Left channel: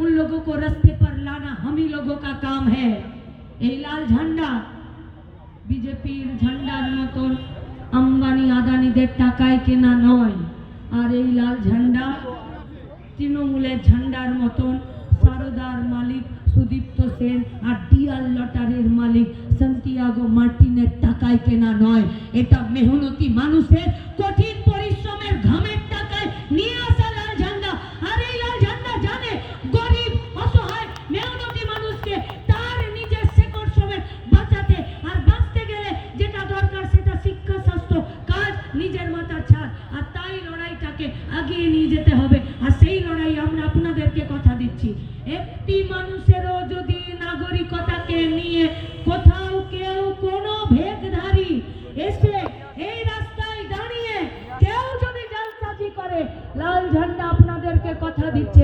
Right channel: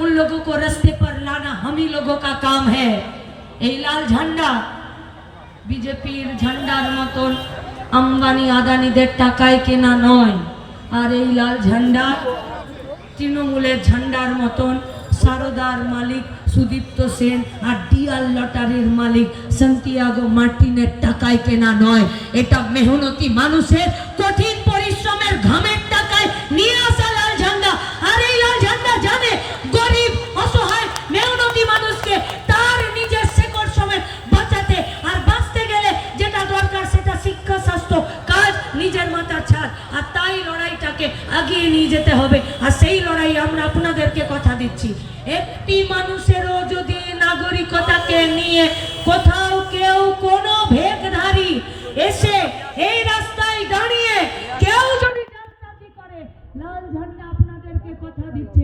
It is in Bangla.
उन लोगों को रास्ते पर लाना हम ही लोगों का काम है। এই লাল ঝান্ডা বিজেপির ঝান্ডার মতন আম্বানি আদানিদের টাকায় কেনা নয়, আর এই লাল ঝান্ডা তৃণমূলের ঝান্ডার মতন সারদার মালিক সুদীপ্ত সেন আর ডিআর লটারির মালিক সান্তিয়াগো মার্টিনের টাকায় কেনা নয়। এটা মেহনতি মানুষের কঠিন পরিশ্রমের ঘামের টাকায় নিয়ে আসা লাল ঝান্ডা। আর এই লাল ঝান্ডা জানে গরিব অসহায় মেহনতি মানুষকে তার নিজের শেকড় সমেত বাঁচাতে, আর বাঁচতে গেলে যেটা দরকার সেটা শিক্ষা স্বাস্থ্য কাজ নিজের মাথার ছাদ, আর তাই লড়াইটাকে এগিয়ে নিয়ে যেতে হবে। আর সেই লড়াই আমরা আপনাদেরকে কথা দিচ্ছি, একটি মানুষেরও যদি নাগরিকতাকে নিয়ে কোথাও কেউ কোনো ভেদধারী এসে এই রাস্তায় দাঁড়িয়ে কেউ যদি জালসাজি করে, লাল ঝান্ডা আপনাদেরকে কথা দিচ্ছে